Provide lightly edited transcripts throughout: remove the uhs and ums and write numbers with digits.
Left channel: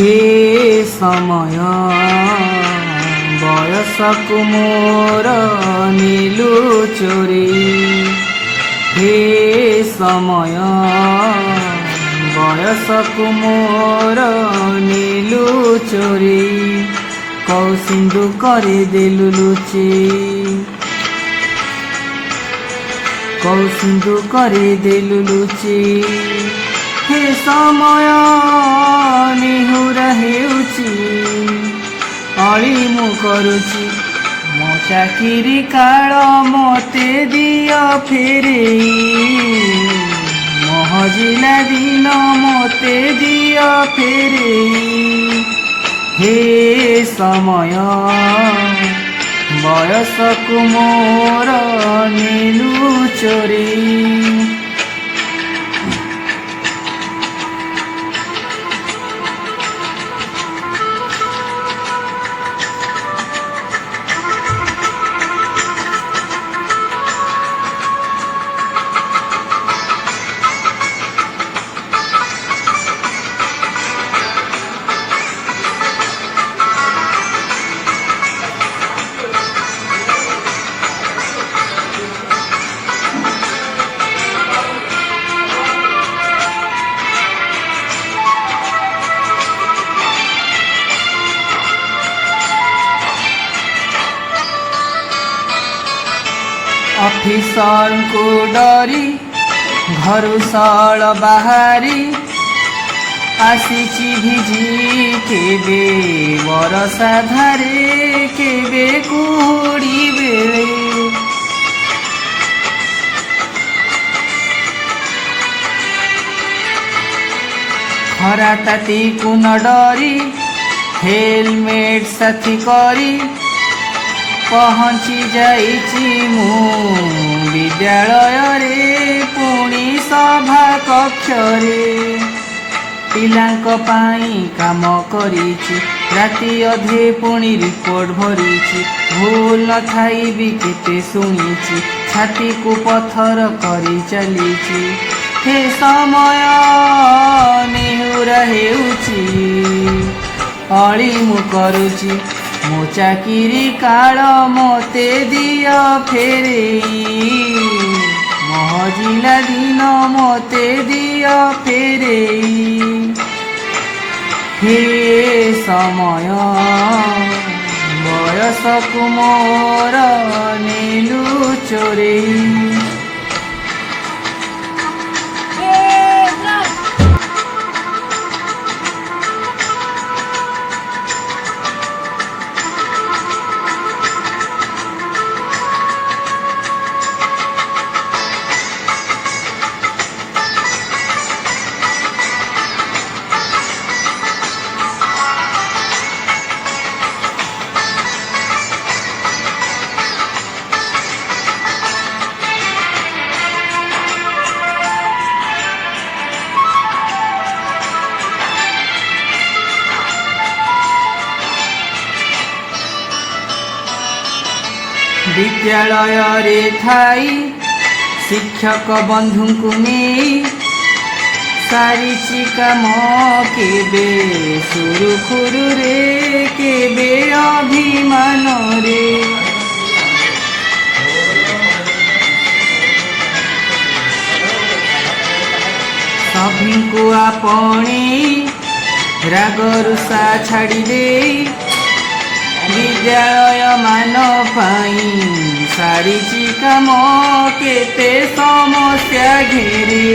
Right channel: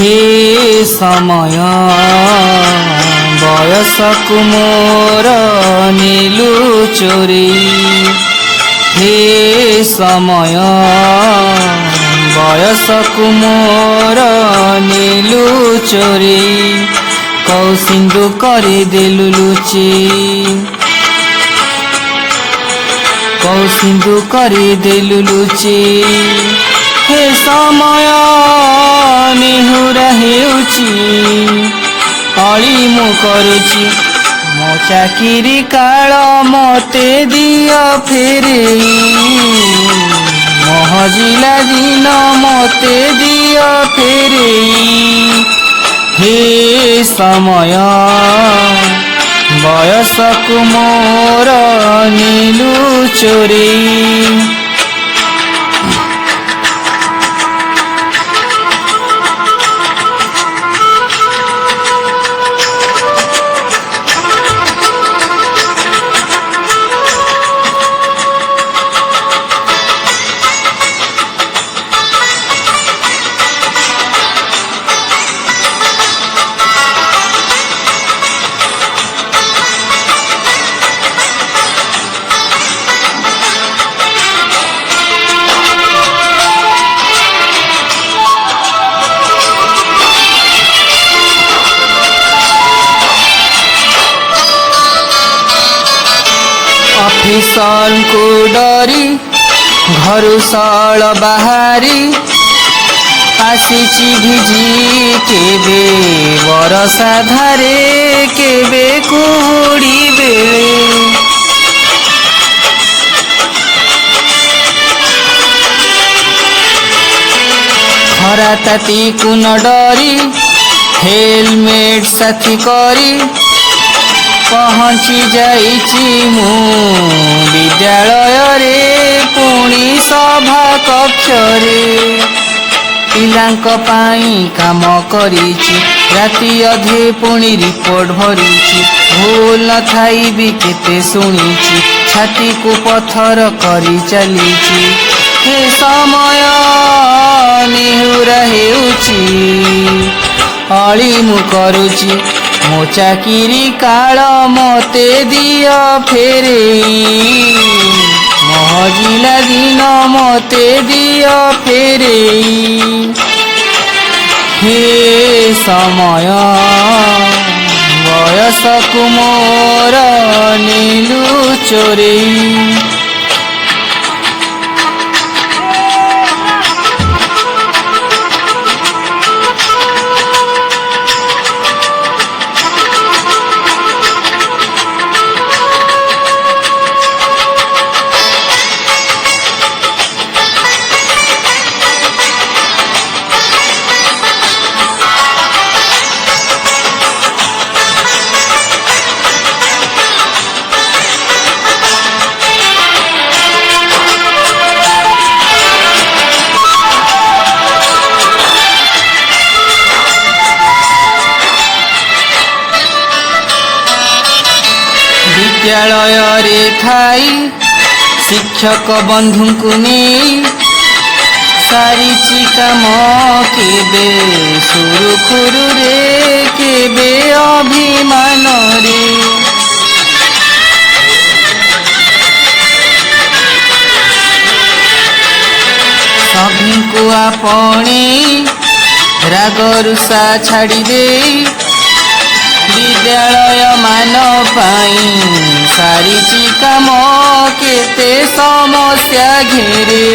हे समय बयसकु मोर नीलु चोरी हे समय बयसकु मोर नीलु चोरी कौ सिंधु करे देलु लुची कौ सिंधु करे देलु लुची हे समय निहुरा हेउची अली मु करुची मो चाकिरी काल मते दियो फेरेई मो हजिला दिन मते दियो फेरेई हे समय बयसकु मोर नीलु चोरी ऑफिसर को डरी घरु साल बाहरी आसीची भिजी केबे बरसा धारे केबे कुहुड़ी बेले खरा ताती को न डरी हेलमेट साथी करी पहुँची जाइची मु विद्यालय रे पुणी सभा कक्ष रे पिलांक पाई काम करिची राति अधे पुणी रिपोर्ट भरिची भूल थाई भी केते सुनिची छाती को पत्थर करी चलीची हे समय निहुरा हेउची अली मु करुची मो चाकिरी काल मते दियो फेरेई मो हजिला दिन मते दियो फेरेई हे समय बयसकु मोर नीलु चोरेई विद्यालय रे थाई शिक्षक बंधु को नहीं सारी काम केबे सुरुखुरु रे केबे अभिमान रे सभी को आपणे रागरुषा छाड़ी दे विद्यालय मान पाई सारी काम केते समस्या घेरे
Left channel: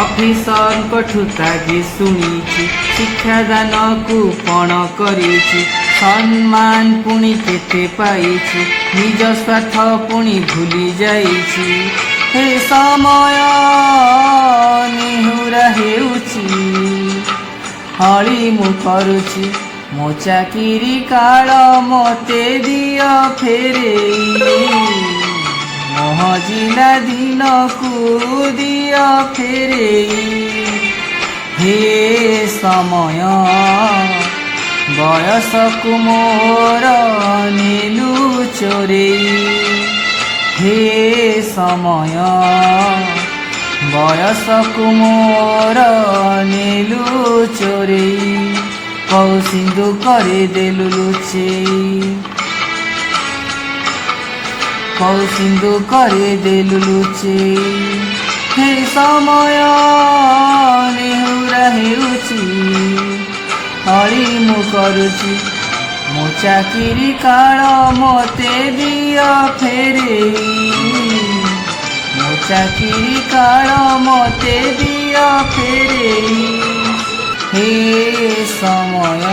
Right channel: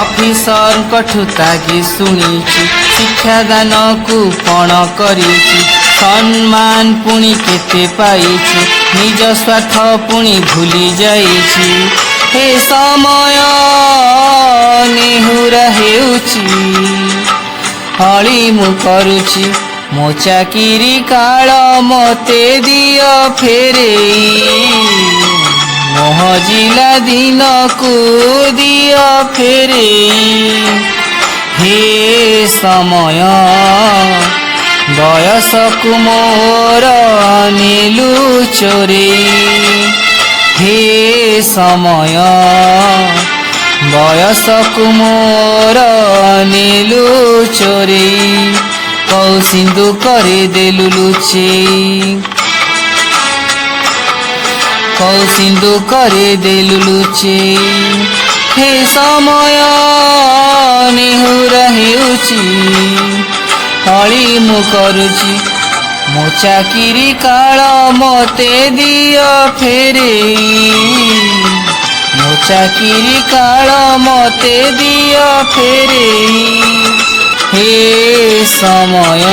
ऑफिसर कठु तागे सुनिची शिक्षादान को पण करिची सम्मान पुणी केते पाइची निज स्वार्थ पुणी भूली जाइची हे समय निहुरा हेउची हली मु करुची मो चाकिरी काल मते दियो फेरेई मो हजिला दिन को दियो फेरेई हे समय बयसकु मोर नीलु चोरेई हे समय ବୟସକୁ ମୋର ନେଲୁ ଚୋରେଇ, କଉ ସିନ୍ଧୁ କରିଦେଲୁ ଲୁଚେଇ, କଉ ସିନ୍ଧୁ କରିଦେଲୁ ଲୁଚେଇ। ହେ ସମୟ ନେହୁରା ହେଉଛି, ଅଳି ମୁଁ କରୁଛି ମୋ ଚାକିରି କାଳ ମତେ ଦିଅ ଫେରେଇ, ମୋ ଚାକିରି କାଳ ମତେ ଦିଅ ଫେରେଇ। ହେ ସମୟ